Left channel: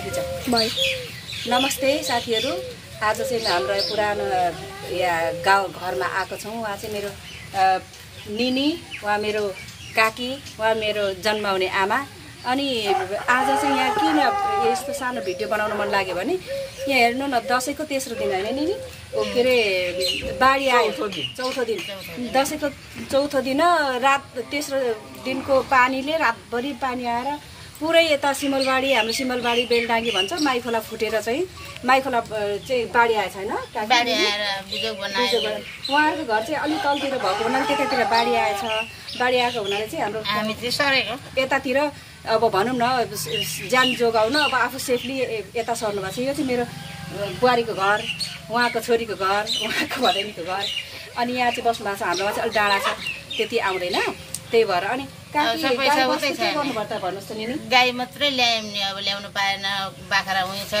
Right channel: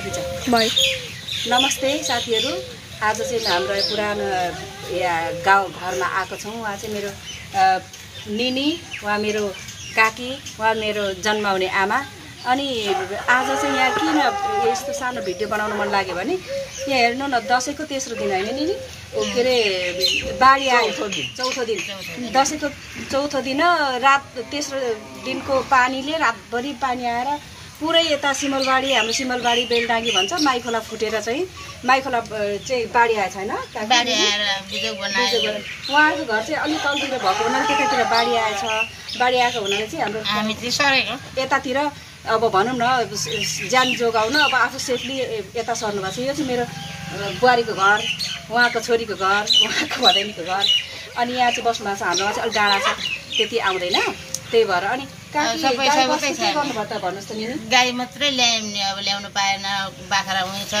photo खिच by नमस्ते साथीहरू आज चाहिँ हाम्रो पुरानो गाउँ घरमा आएको छौँ उहाँ चाहिँ मेरो निनी उहाँ मेरो काकी उहाँ मेरो जन्माउने आमा अनि आज चाहिँ यहाँ किन यस्तो सानो भिडियो बनाउन मन लाग्यो भने यहाँ हेर्नु न दसैँको तेस्रो दिन होइन निनी के अरे बाढी आयो चौथो दिन दसैँको चौथो दिन रात तेस्रो दिनको पानीले रातभरि पानी आएर पुरै यता सिमलबाडी हाम्रो सिमलबाडी बेलडाँगी भन्छ माइखोला फुटेर चाहिँ माइखोला चाहिँ बाढी आएछ होइन उहाँहरूको घर चाहिँ अलिक तलतिर भएको हुनाले त्यतातिर बाढी आएछ बाढी आएको हुनाले चाहिँ हाम्रो यतातिर अब भनौँ न ज्यान जोगाउन अब आफू सेफली यता सर्नु भएको छ यो चाहिँ मेरो बुहारीको घर उहाँको छोरीको घर उहाँको भदैनीको घर अनि यहाँ चाहिँ बस्नु भएको छ हाम्रोमा चाहिँ अलिक डाँडा छ त्यति आउँदैन त्यही भएर अनि गाई मात्रै ल्यायौँ नि अब ल्याउनु पाएन बाख्रा हुन्छ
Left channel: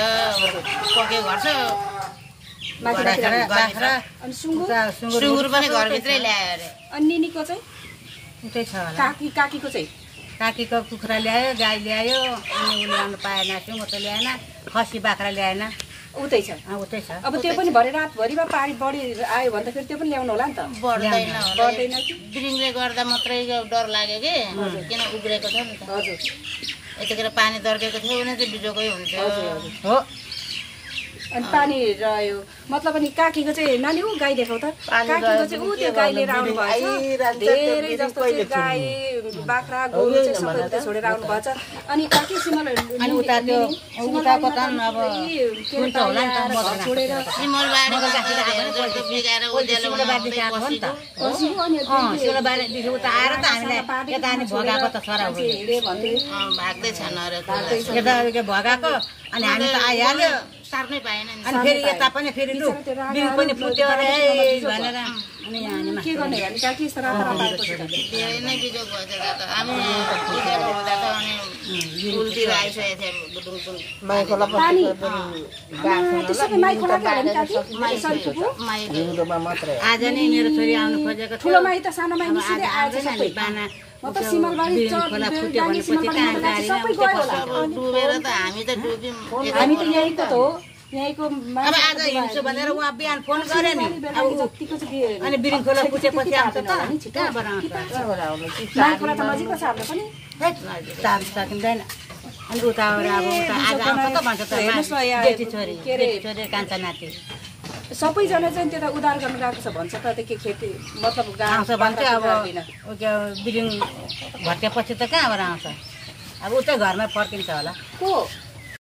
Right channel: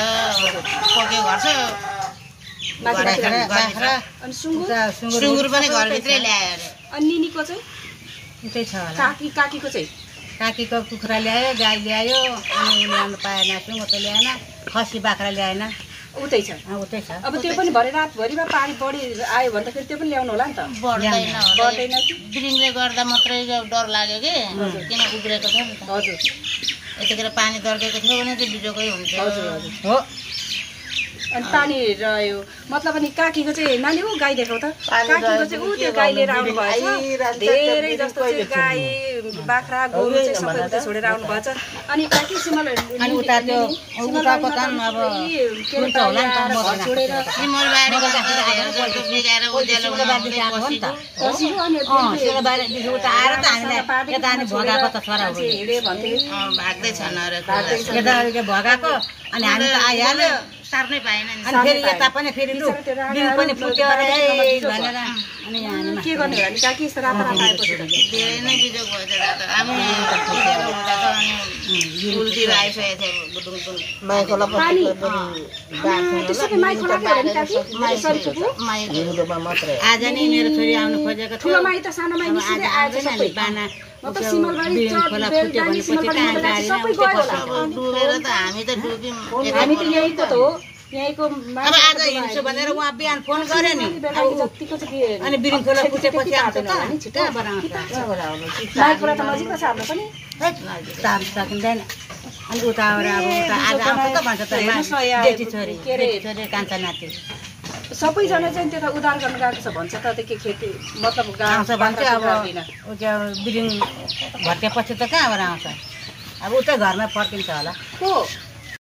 पक्यो घर छ अनि सुँगुर पनि घरभित्रै ल्यायो अरे अनि निनीको चाहिँ उतै छ काकीको चाहिँ काकीको कुखुरा ल्यायो गाई ल्यायो अनि उ ल्याउनु पाएन सुँगुर त ल्याएन खसी बाख्रा ल्याएन उतै छ उतै छ अब त्यो पनि भरे रातभरिमा पानी बढी आयो भने त फेरि त्यो पनि ल्याउनु होला नि त बढ्दैन बिरिङले गर्दा मात्रै डर लाग्यो कि किन उब्रेको छ नि त हजुर यतिखेर पानी दर्केको थियो भने चाहिँ बिजोकै हुन्छ हो अनि पानी रह्यो मतलब अनि काकीको चाहिँ नानी ऊ गाई देखाउ त काकीको चाहिँ ऊ त्यो गाई लिएर आउनु भएछ धेरै जस्तो चाहिँ गाई बाख्रा गोरु चाहिँ सबै छोडेर आउनु भएछ अनि काकी सिमल अनि उता त्यो उताको त अब हुन्छ होला नि त छोडेर सिमलबारीदेखि उता आएर त हामीलाई यता अनि भगाएको त छोराहरू भाग्दैछन् यता भगाएको अनि हामी त आइहाल्यो सार्नै पाएन अनि फेरि यता पनि फेरि लु बिल पनि फुट्यो अरे भनेर अनि हामीमा के गर्ने भने काकी यस्तो रातो रातो आएको छ धेरै नै बिजोग भएछ दादा हामी हुँदा त अनि उल्टी आइसकेको थियो बुटुङ माइखोला मात्रै आज नै मेरो छोरी आउनु खोजेको थियो ठुलो माई त सानो माई निस्किँदै आएछ सबै बाना खोला फुट्यो भनेपछि कहाँ गाडीमा डुबेर त हामी त डुब्यौँ हामी त यहीँको त हो यहीँको अब आज हिँड्छु भनेर उहाँ बिहान फोन गरे नि अनि बिरिङ खोला फुटेपछि आउँछ त कहाँबाट आउँछ माइखोला त नजिक छ हाम्रो पनि तार सकिँदैन अनि उता अब उता आज आउँछ त भन्छ त जेठी छोरी कान्छा नाति सबैजना चाहिँ त्यता उधार गर्न गएको छ भन्छ त त्यो खेती मतलब आउँछ भन्छ अब बिरिङ भट्केपछि त कहाँबाट आउँछ अब उतै घरमै फर्किन्छ होला को